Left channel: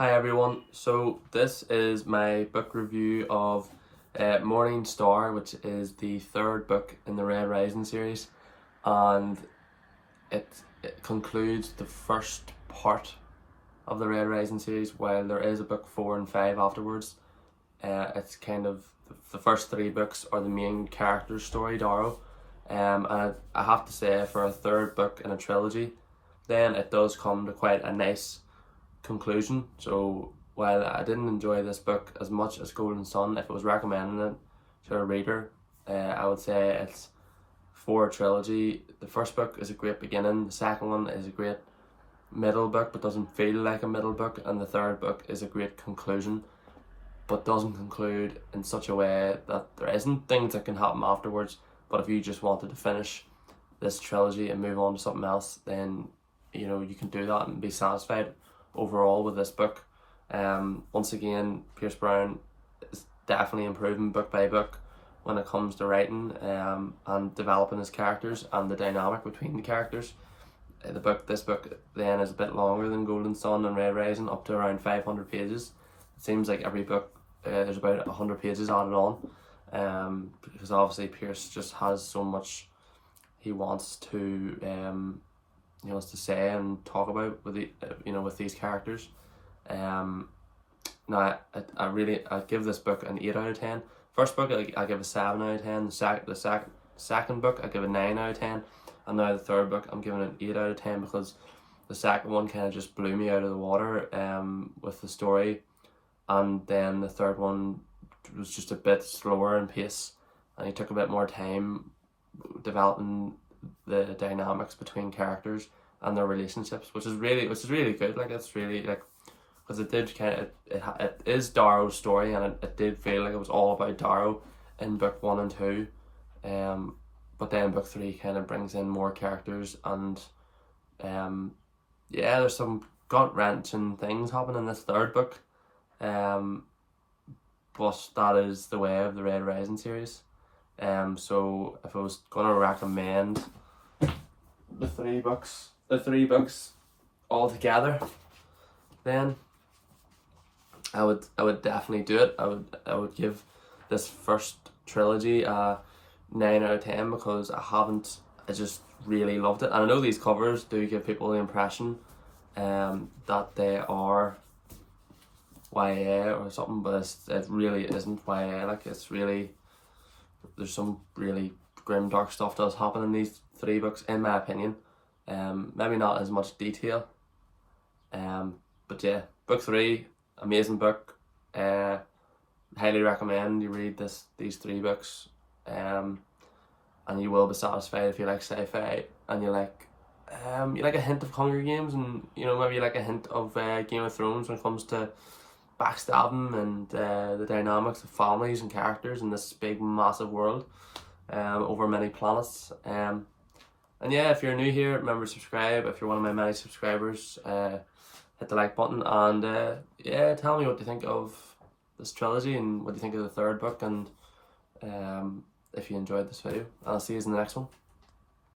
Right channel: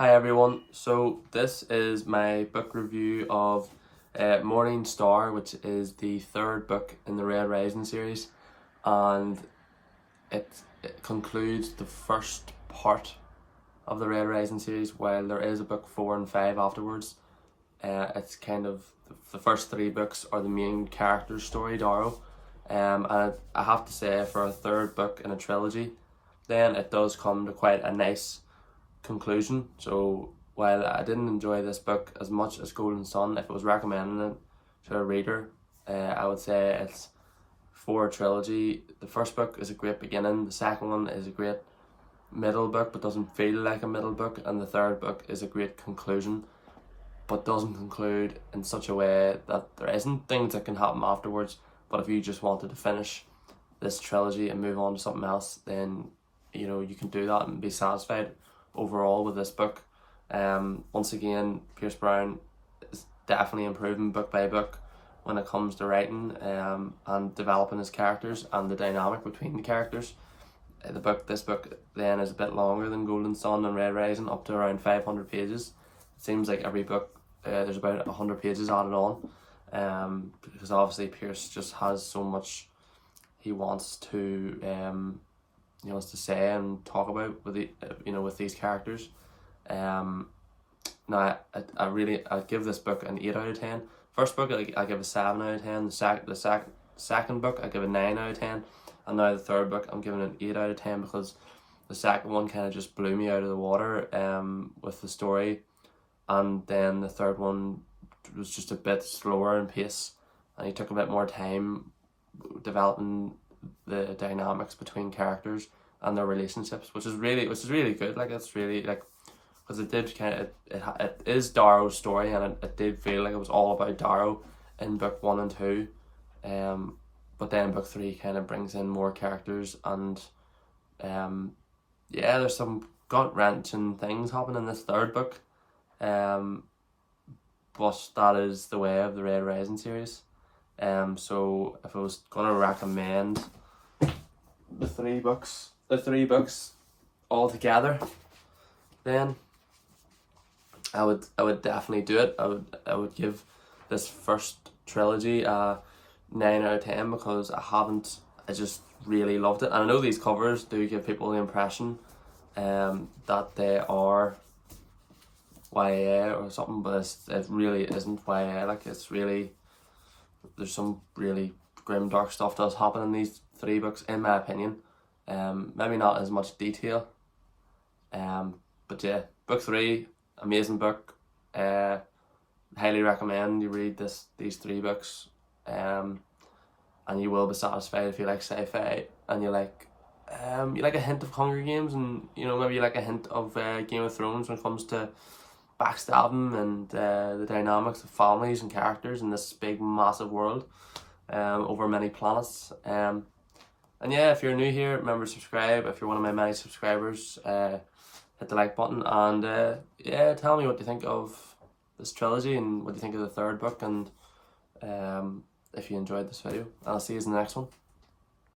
Hi everyone, so this is my book review of Morning Star, which is the third book in the Red Rising series, and it concludes the first part of the Red Rising series, while there is a book 4 and 5 afterwards. It's kind of the first 3 books are the main character's story, Darrow, and I have to say, for a third book in a trilogy, then it does come to quite a nice conclusion. So while I didn't enjoy this book as much as Golden Sun, if it was recommending it to a reader, I would say it's for a trilogy. The first book is a great beginning, the second one is a great middle book but doesn't feel like a middle book, and the third book is a great conclusion but doesn't conclude in such a way that there isn't things that can happen afterwards. But if you just wanted to finish this trilogy and move on to something else, then you can do that and be satisfied overall with this book. Once again, Pierce Brown is definitely improving book by book when it comes to writing and developing his characters and the dynamic between the characters. This book then is a bit longer than Golden Sun and Red Rising, up to around 500 pages. It seems like every book there's about 100 pages added on, because obviously Pierce just has so much he wants to to say and talk about with with these characters. Now I give this book an 8 out of 10. First book I give a 7 out of 10. The second book I give a 9 out of 10, and now the third book I'm giving an 8 out of 10 because the second one kind of just blew me out of the water with the story, and then the third one was just a bit slower in pace, and he took a bit more time developing the dynamics between characters and their relationships, which is really good. Like, it's really, like, because it did kind of it is Darrow's story, and it did feel like it was all about Darrow in book 1 and 2, but then book 3 kind of brings in more characters, and there's some gut wrenching things happen in this third book, but that is the way of the Red Rising series. So if I was gonna recommend the three books all together, then I would definitely do it. I would give this first trilogy a 9 out of 10 because I just really loved it. And I know these covers do give people the impression that they are YA or something, but it really isn't YA. Like, there's some really grim, dark stuff does happen in these 3 books, in my opinion. Maybe not as much detail. But yeah, book 3, amazing book. Highly recommend you read these 3 books. And you will be satisfied if you like sci-fi and you like a hint of Hunger Games, and maybe you like a hint of Game of Thrones when it comes to backstabbing and the dynamics of families and characters in this big massive world over many planets. And yeah, if you're new here, remember to subscribe. If you're one of my many subscribers, hit the like button, and tell me what you think of this trilogy and what you think of the third book, and if you enjoyed this video. I'll see you in the next one.